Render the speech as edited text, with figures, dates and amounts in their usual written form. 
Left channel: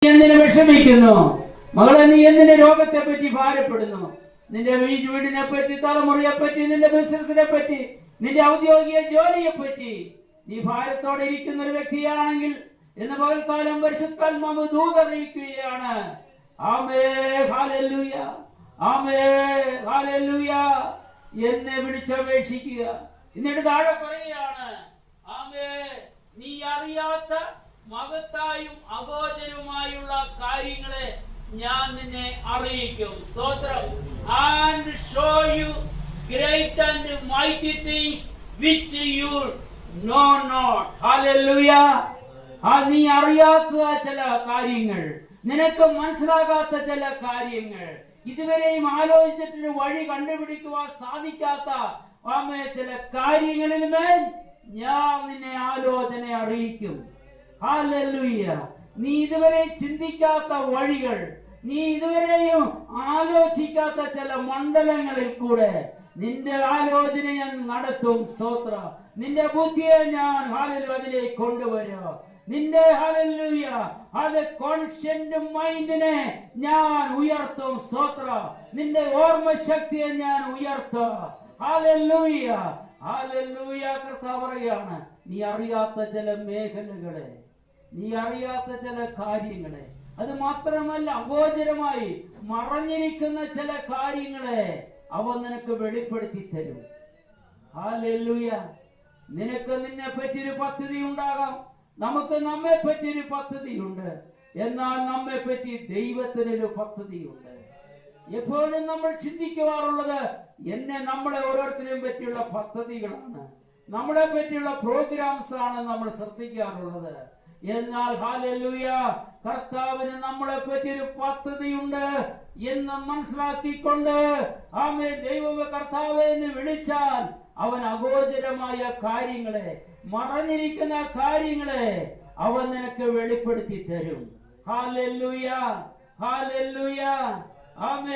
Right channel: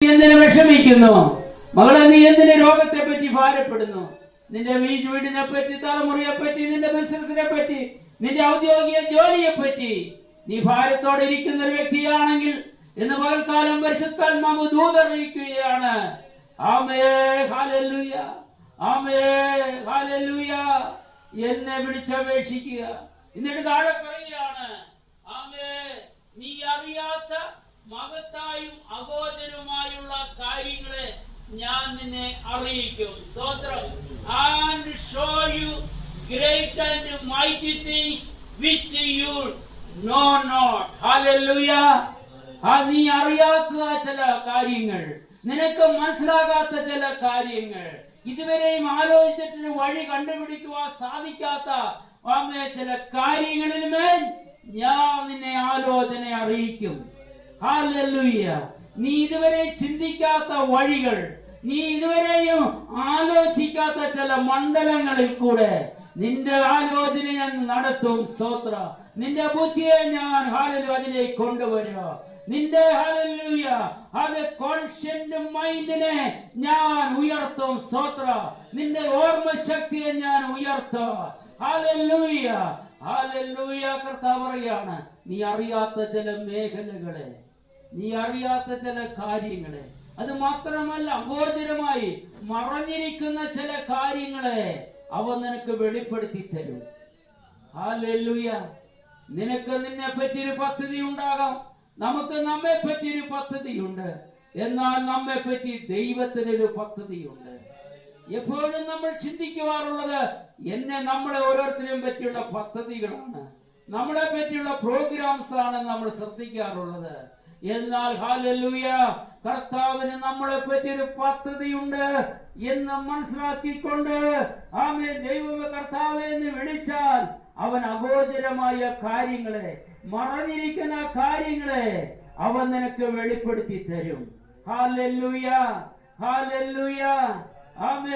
എന്തിനു വിഷമിക്കുന്നു? മകളെ, നീ എന്തിന് രോഗത്തെ പറ്റി ഭാരപ്പെടുന്നു? നിന്റെ വീടിനെ പറ്റി, തലമുറയെ പറ്റി, നിന്റെ ബിസിനസിനെ പറ്റി, നിന്റെ ഔദ്യോഗിക ജോലിയെ പറ്റി നീ ഭാരത്തോടെ ഇരിക്കുന്ന ഒരു വ്യക്തിയാണെങ്കിൽ ഇന്ന് പകൽക്കാലം പരിശുദ്ധാത്മാവ് ദൂതറിയിക്കുകയാണ്. ആമേൻ, ഹല്ലേലൂയ, ആമേൻ, ഹല്ലേലൂയ. എന്നെ വിളിച്ചപേക്ഷിക്കുക. എന്നിട്ട് താഴെ പറയുകയാണ്, ആമേൻ, നീ അറിയാത്ത മഹത്തായും അഗോചരവുമായുള്ള കാര്യങ്ങളെ ഞാൻ നിന്നെ അറിയിക്കും. സ്തോത്രം. And show you great and mighty things which you know not. Hallelujah. നീ അറിയാത്ത ചില കാര്യങ്ങൾ, നിനക്ക് മനസ്സിലാകാത്ത ചില കാര്യങ്ങൾ, ഇതുവരെയും ആലോചിച്ചിട്ട് വഴി കണ്ടുപിടിക്കുവാൻ സാധിക്കാത്ത ചില കാര്യങ്ങളിൽ മേൽ ഞാൻ നിന്നെ ആലോചന അറിയിക്കും. ഹല്ലേലൂയ. നീ ഇതുവരെ ചിന്തിക്കാത്ത വഴികൾ, നീ ഇതുവരെയും ആലോചിക്കാത്ത ചില മണ്ഡലങ്ങളിൽ കൂടെ നിന്റെ ആലോചന ഞാൻ നടത്തും. സ്തോത്ര. നിന്റെ ബുദ്ധിയെ ഞാൻ ഹല്ലേലൂയ അതിലേക്ക് കൊണ്ടുവരിക. നിന്റെ ഹല്ലേലൂയ അത് കോൺഷ്യന്റ് മൈൻഡിനെ ഞാൻ ഉയർത്തും. സ്തോത്ര. നിന്റെ ഓർമ്മശക്തിയെ ഞാൻ ഉയർത്തും. Hallelujah, hallelujah. കർത്താവ് പറയുകയാണ്, നീ അറിയാത്ത ചില മേഖലകളെ, നീ അറിയാത്ത ചില കാര്യങ്ങളെ, അത് മാത്രമല്ല അഗോചരമായി മറഞ്ഞിരിക്കുന്ന ചില കാര്യങ്ങളെ അവൻ നിനക്ക് വെളിപ്പെടുത്തി തരും. ഹല്ലേലൂയ. നിനക്ക് നിന്നെ പറ്റിയൊരു പദ്ധതി ഉണ്ടാകാം, നമുക്ക് നമ്മെ പറ്റിയൊരു പദ്ധതിയുണ്ട്. എന്നാൽ നമ്മെ പറ്റി ദൈവത്തിനൊരു പദ്ധതിയുണ്ട്. എപ്പോഴും നമ്മൾ ചിന്തിക്കുവാറുള്ളത് നമ്മളെ ഓരോരുത്തരെയും പറ്റിയുള്ള പദ്ധതികളാണ്, നമ്മളെ പറ്റിയുള്ള പ്രോഗ്രാംസ് ആണ് നമ്മൾ ശ്രദ്ധിക്കാറുള്ളത്. എന്നാൽ ഹല്ലേലൂയ, കർത്താവിന് നമ്മളെ പറ്റിയൊരു പദ്ധതിയുണ്ട് എന്ന് മനസ്സിലാക്കിക്കൊണ്ട് ആമേൻ ദൈവം കർത്താവേ എന്ന് വിളിച്ചാൽ അവൻ അഗോചരമായ കാര്യങ്ങളെ, മറഞ്ഞിരിക്കുന്ന കാര്യങ്ങളെ അവൻ നിനക്ക് വെളിപ്പെടുത്തി തരും. ഹല്ലേലൂയ, ഹല്ലേലൂയ, ആമേൻ.